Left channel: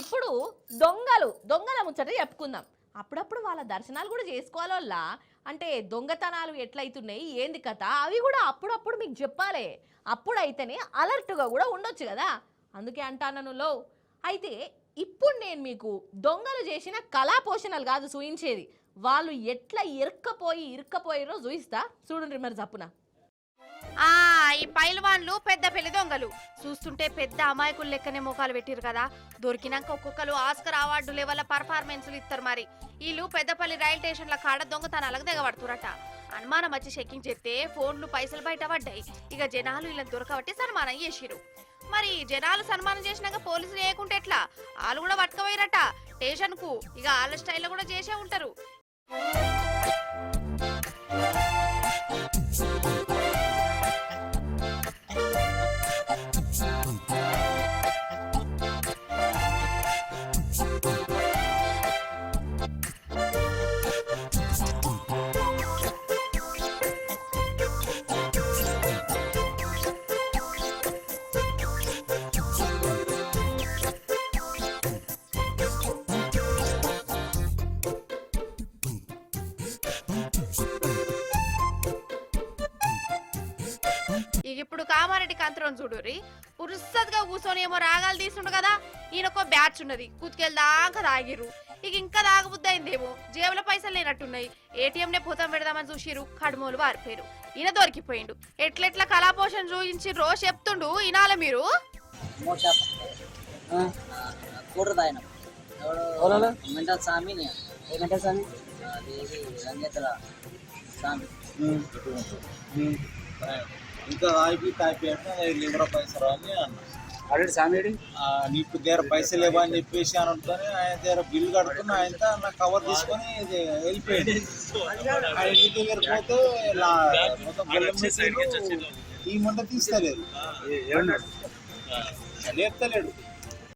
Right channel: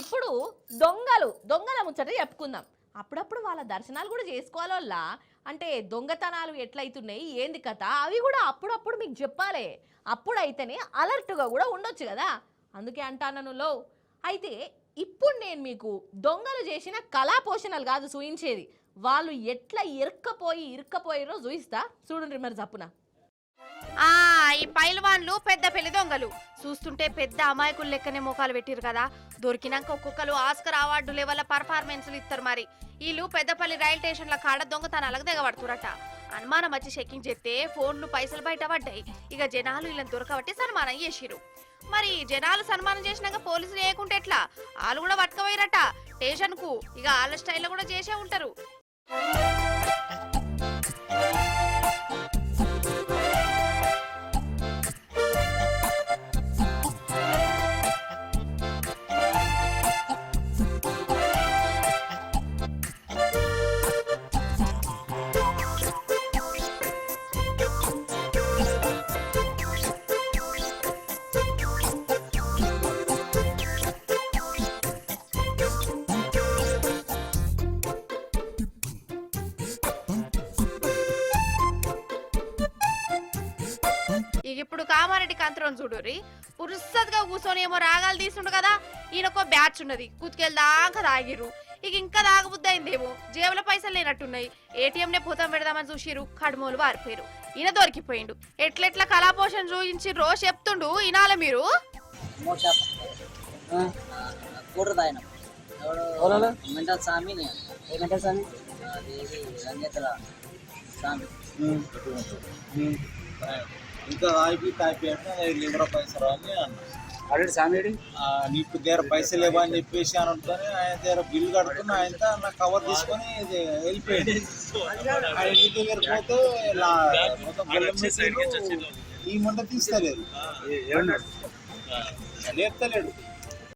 ఇప్పుడు దొంగల ముచ్చట చెప్పుకుందాం. అప్పుడప్పుడు వాళ్ళ దర్శనాలు కూడా చేసుకోవాల. అంటే దొంగతనాలు ఎట్లయితున్నాయి, ఏంది కథ, అవి కూడా అప్పుడప్పుడు మీకు చెప్పాలి. అప్పుడైతేనే అలర్ట్గా కూడా ఉండొచ్చు కదా. అందుకే అంటాను లో. అయితే ఇప్పుడు నేను మీకు దొంగలు చేసిన కళా పోషణలు కాదు చూయించేది, వాళ్ళు ఎట్లా ఇరుక్కపోయిరో చూయిస్తా. చూడండి మరి జప్పున. ఈ పైల్వాన్లు పెద్ద పెద్ద దొంగలు చూస్తుంటే పెద్ద అమాయకులు లెక్కనే మొక్కలు పెట్టిరు కదా. దొరికినంత కుక్కలు ఆస్కర్ అవార్డు లెవెల్ పర్ఫార్మెన్స్ ఇస్తారు. మరి వీళ్ళు పెద్దపల్లి రైల్ స్టేషన్ లో కాడ దొంగతనాలకు తెగబట్టుకుంటారు. అనుమానం వచ్చి చెక్కింగ్ చేస్తే ఫోన్లు పైసలు బయట పడ్డాయి. ఇక జనాలు దొరకబట్టి సన్మానం చేసిరు. మరి జనాలు సన్మానం చేసినాక పోలీసులు లేకుంటే ఎట్లా? వాళ్ళు కూడా పట్టుకోపోయినట్ట స్టేషన్ కు. ఇక వాళ్ళ స్టైల్ కూడా చేసే ఉంటారు. ఇప్పుడు కామారెడ్డి కంట్రోల్ చూడరి పురుషంగా కూర్చొనేమో రాగాలు తీసుకుంటు కదా. ఈయనకో బ్యాచ్ ఉన్నది, దాకా రాగిరు. ఇక ఇంకా రాకపోతే జేబుల పైసలు లేనట్టున్నాయి. ఏటీఎం ని భూతం పెడదామని చూసిరు, కన్మూరు వారిపోయారు. ఈయన దొరికిపోయిండు. ఎట్లెట్లా కళాపోషణ చూపించి రోజు చెప్తుండు ఇనాల మీరు. మెంటల్ స్వామి మెంటల్ స్వామి రంగేతల స్వామి ఇంకా తాపి అంటే లివర్ పైసలు అని అన్న ఆల్రెడీ స్వామి నీకు దగ్గర పైసలు లేవా అని చెప్పేసి అని అనుకుని ఆయన దగ్గర బిల్లు కడుతున్నా ఆయన నా కవర్ తీసుకొని వెళ్ళిపోయాడు. ఆ ఇంటి దగ్గర పోతే మొత్తం ఈ మంట తీస్తలేదు, లేపుతలేడు.